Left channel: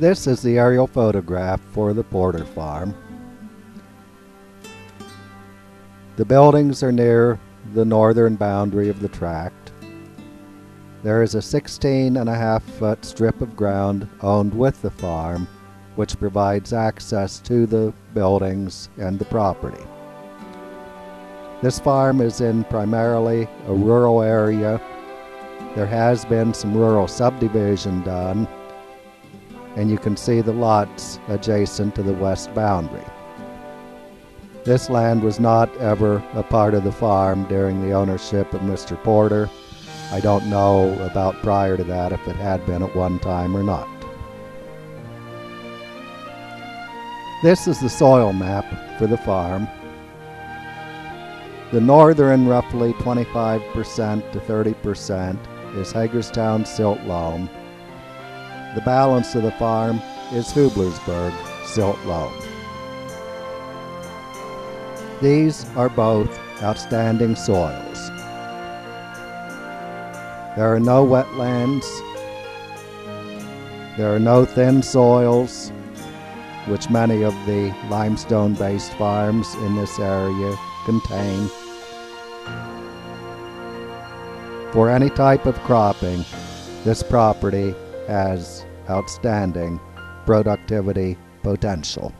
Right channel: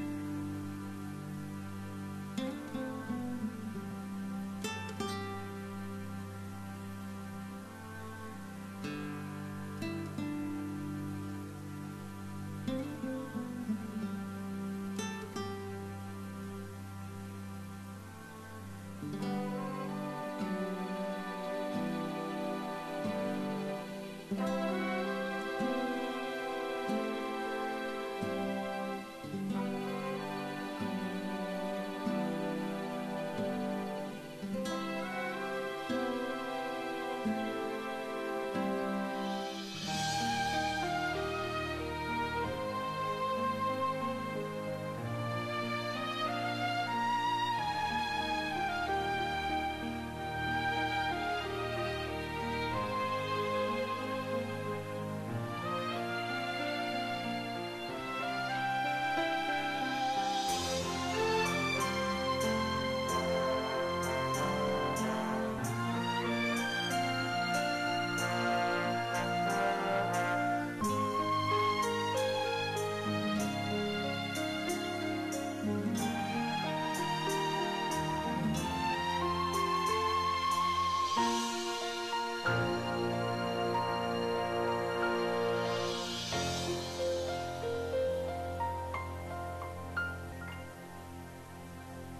This is the aerial photograph for the Porter Farm. The buildings are near the northern boundary of the tract. There is a 16.5-foot strip of ground owned with the farm, which provides access to the buildings and the property. This farm is in primarily a rural area. There has been some rural subdivision done, and you can see the lots adjacent to the west boundary. This land was not ever a part of the farm during the ownership of Mr. Porter. I don't know about prior to that if it had been at one time or not. This is the soil map for the farm. The northern roughly 25% to 30% is Hagerstown silt loam. The balance of the farm is Hublersburg silt loam. These are both outstanding soils. There are no wetlands. There are no thin soils, which many of the limestone-based farms in this area contain. For any type of cropping, this property has outstanding productivity potential.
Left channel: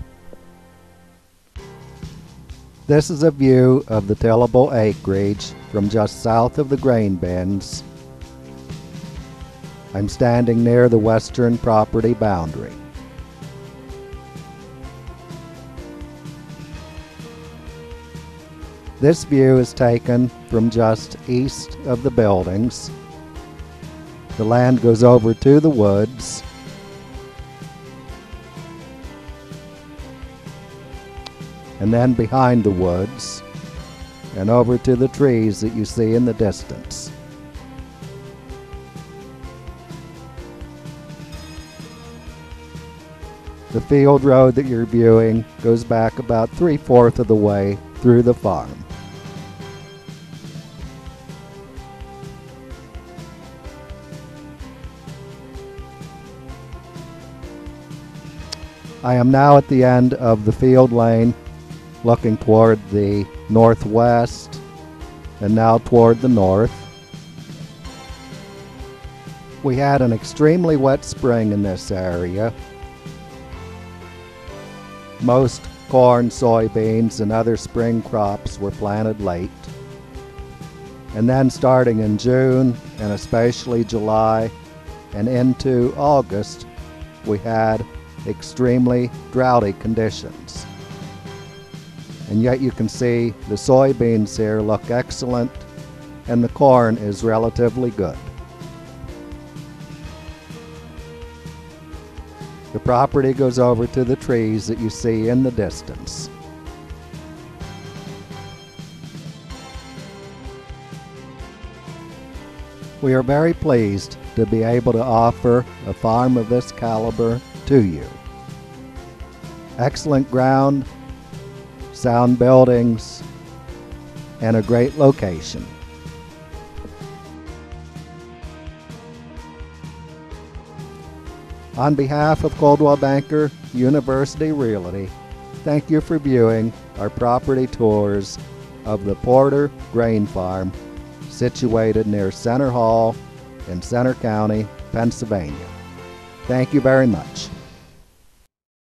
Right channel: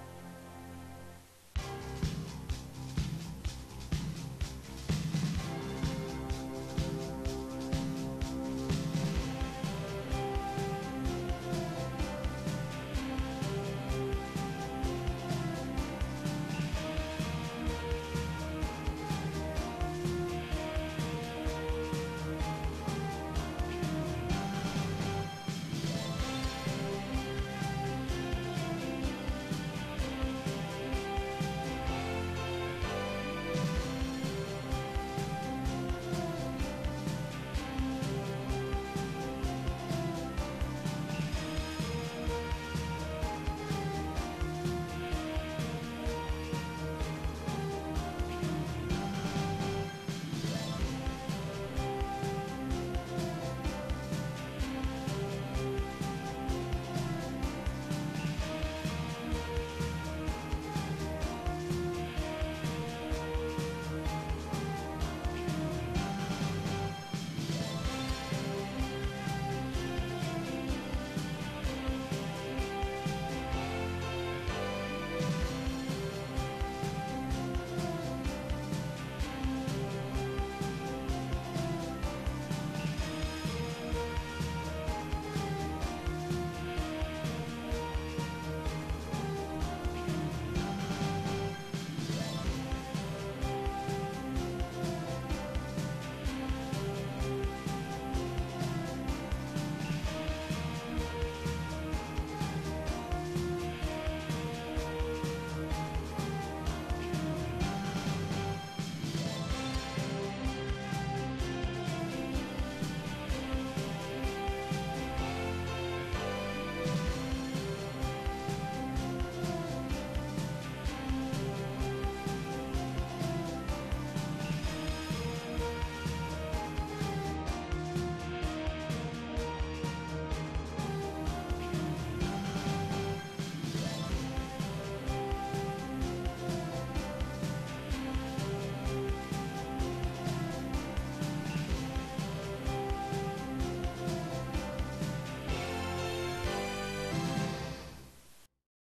This is a view of the tillable acreage from just south of the grain bins. I'm standing near the western property boundary. This view is taken from just east of the buildings. The land goes over to the woods. And then behind the woods and over to the trees that you see in the distance. The field road that you're viewing goes back about 3/4 of the way through the farm. I am now at the end of the field lane, looking toward the northwest and now toward the north. We had an extremely wet spring in this area. Most corn, soybeans, and other spring crops were planted late. And then starting in June, and especially July, and into August, we had extremely droughty conditions. And yet you can see the soybeans here look excellent, and the corn is relatively good. The property goes over to the trees that you see in the distance. We are very pleased to be able to offer a farm of this caliber to you. Excellent ground, sound buildings, and a great location. On behalf of Coldwell Banker University Realty, thank you for viewing our property tours of the Porter Grain Farm, situated near Center Hall in Center County, Pennsylvania. Thank you very much.